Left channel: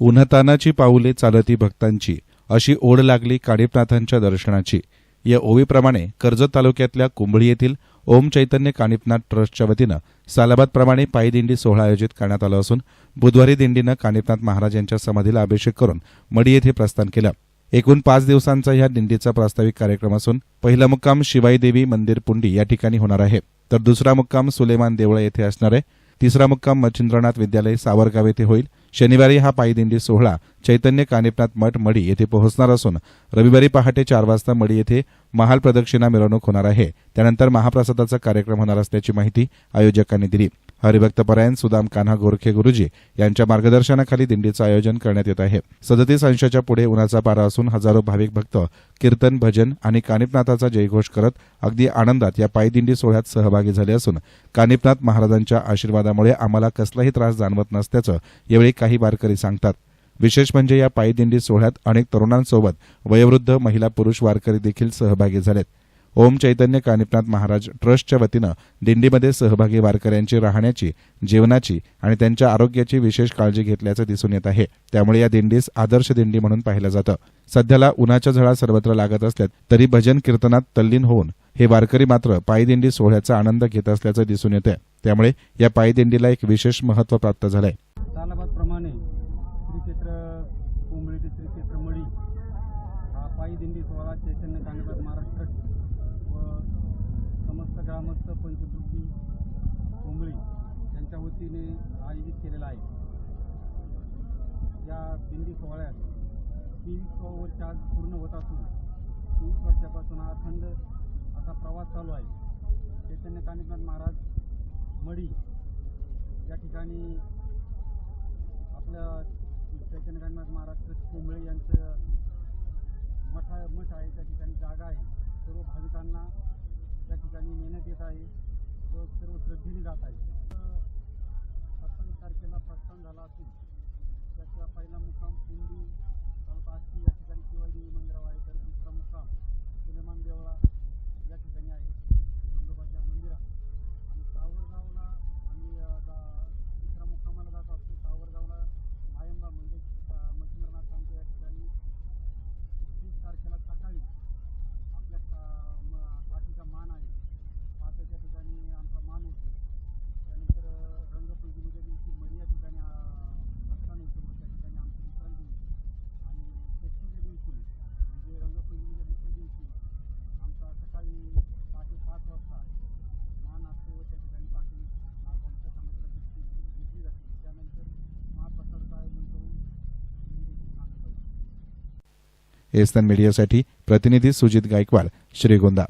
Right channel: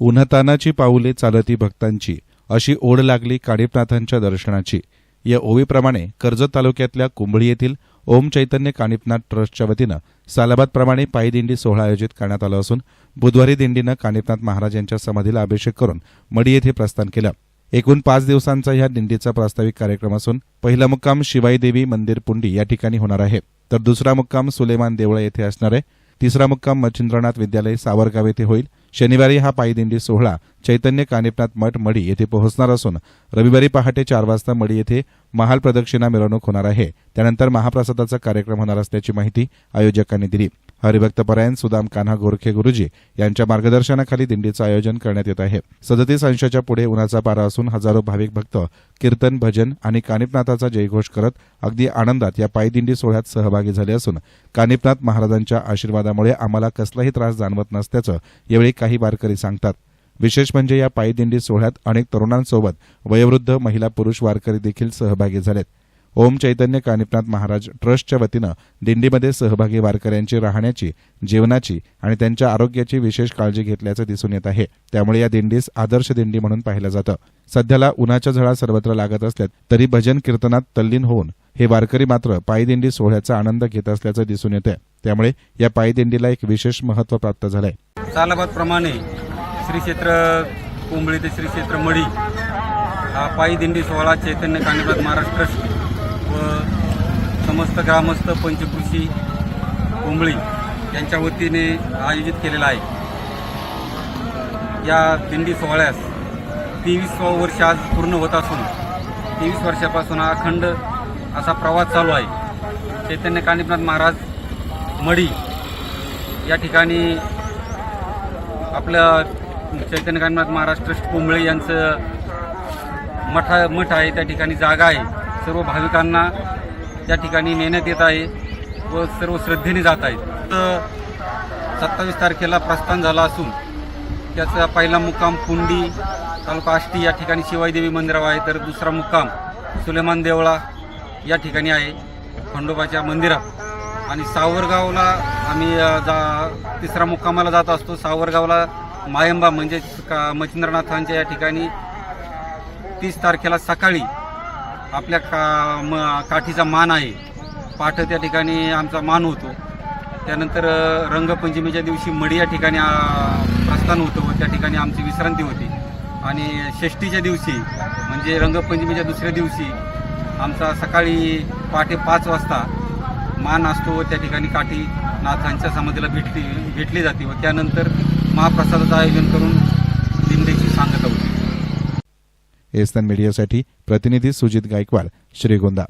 उन्हतानाची पाऊले चालती भक्तांची अशी ओढ लागली काणिपनाथांच्या दर्शनाची. या ओवीप्रमाणे कर्जत तालुक्यातल्या कुंभळी येथील ओम चैतन्य काणिपनाथ ट्रस्टच्या वतीनं सालाबादप्रमाणे पायी दिंडी सोहळा आयोजित करण्यात आला असून बुधवारी दिंडीनं काणिपनाथ महाराज यांच्या समाधीला अभिषेक करून मडी येथे प्रस्थान केलं. एकूण पाच दिवसांचा ह्या दिंडीचा प्रास्ताविक कार्यक्रम असून पहिला मुक्काम शिवाई देवी मंदिर पुंडी या ठिकाणी होणार आहे. तर दुसरा मुक्काम सुलेमान देवळ येथे असणार आहे. तिसरा मुक्काम मच्छिंद्रनाथ विद्यालय सावरगाव येथे होईल. शनिवारी हा पायदिंडी सोहळा चैतन्य कानिपनाथ मठ मडी येथे पोहोचणार असून रविवारी पहाटे चार वाजता मडी येथे महाल प्रदक्षिणा मिरवणूक होणार आहे. त्यानंतर महाप्रसादाचा कार्यक्रम होणार असल्याची माहिती आयोजकांनी दिली. हरिभक्त परायण सुदाम कान्हा गोरखे गुरुजी यांच्या मार्गदर्शनाखाली दिंडीचं आयोजन करण्यात येत आहे. सदतीस अंशाच्या पुढे उन्हाचा पारा असून हजारो भाविक भक्त कीर्तन भजन आणि कानिपनाथाचा जयघोष करत अगदी आनंदात या पायदिंडी सोहळ्यात सहभागी झाले असून कानिपनाथ महाराजांच्या आशीर्वादामुळे आम्हाला कसलाही त्रास जाणवत नसल्याचं यावेळी काही वारकरी सांगतात. विशेष म्हणजे या पायदिंडी सोहळ्यात अनेक तरुणांसोबत वयोवृद्ध महिला पुरुष वारकरी देखील सहभागी झालेत. ओम चैतन्य कानिपनाथ महाराज ट्रस्टच्या वतीनं दिंडीमध्ये सहभागी वारकऱ्यांची राहण्याची जेवणाची आणि त्यांच्या आरोग्याची विशेष काळजी घेतल्याचं दिसून येत आहे. त्यामुळे या दिंडीस आदर्श दिंडी म्हणून पाहिलं जातं. सध्याला उन्हाच्या झळा सर्वत्र लागत असल्यात तरी भजन कीर्तनात तल्लीन होऊन हे वारकरी मात्र पायदिंडी सोहळ्याचा आनंद घेत असल्याचं दिसून येतंय. त्यामुळे या पायदिंडीला एक विशेष महत्त्व प्राप्त झालंय. सालाबादप्रमाणे श्री क्षेत्र कुंबळी ते श्री क्षेत्र मडी हा पायी दिंडी सोहळा चैतन्य कानिपात महाराज ट्रस्ट व समस्त ग्रामस्थ पंचकृषी कोंबळी यांच्या वतीने आयोजित केलेला आहे. या दिंडी सोहळ्यास तेवीसवं वर्ष आज पूर्ण होत असून तेवीस वर्षापासून हा अखंड असा प्रवास चालू आहे. चैतन्य कानिपनाथ महाराज मडी या ठिकाणी आपलं चैतन्य कानिपनाथ महाराज ट्रस्ट कुंबळे यांचं मठा मठ आहे त्या ठिकाणी जागा आहे. सर्व भाविकांना त्या ठिकाणी नेण्यात येत आहे व सर्व श्रद्धेने जात आहेत. तर सत्तावीस तारखेला प्रस्थान झाला असून त्याचा पहिला मुक्काम कुंडी तालुका आष्टी या ठिकाणी शिवाईदेवी मंदिरावर आहे. तर दुसरा मुक्काम सुलेमान देवळा या ठिकाणी आहे खंडोबाच्या मंदिरात. आणि सावरगावला आम्ही जा तिसरा मुक्कामाला जात असतो. सावरगावला मायंबा म्हणजे का मच्छिंद्रनाथांच्या या ठिकाणी तीस तारखेला सकाळी आपल्या का म काठीचा मान आहे. पाठ त्या ठिकाणी आमचा मान होतो. त्यानंतर रंगपंचमीच्या दिवशी मडी या ठिकाणी प्रस्थान होतं व त्या ठिकाणी आमची विश्रांती होती. आणि षष्टीच्या दिवशी म्हणजे रंगपंचमीच्या दुसऱ्या दिवशी आमचा सकाळी पहाटे पाच वाजता मान असतो व त्या ठिकाणी काठी नाथांच्या समाधीला भेटली भेटली जाते व त्यानंतर महाप्रसादाचं आयोजन करून दिंडीची सांगता होती. एस्तन मीडियासाठी प्रतिनिधी सुजित गायकवाड श्रीगोंदा.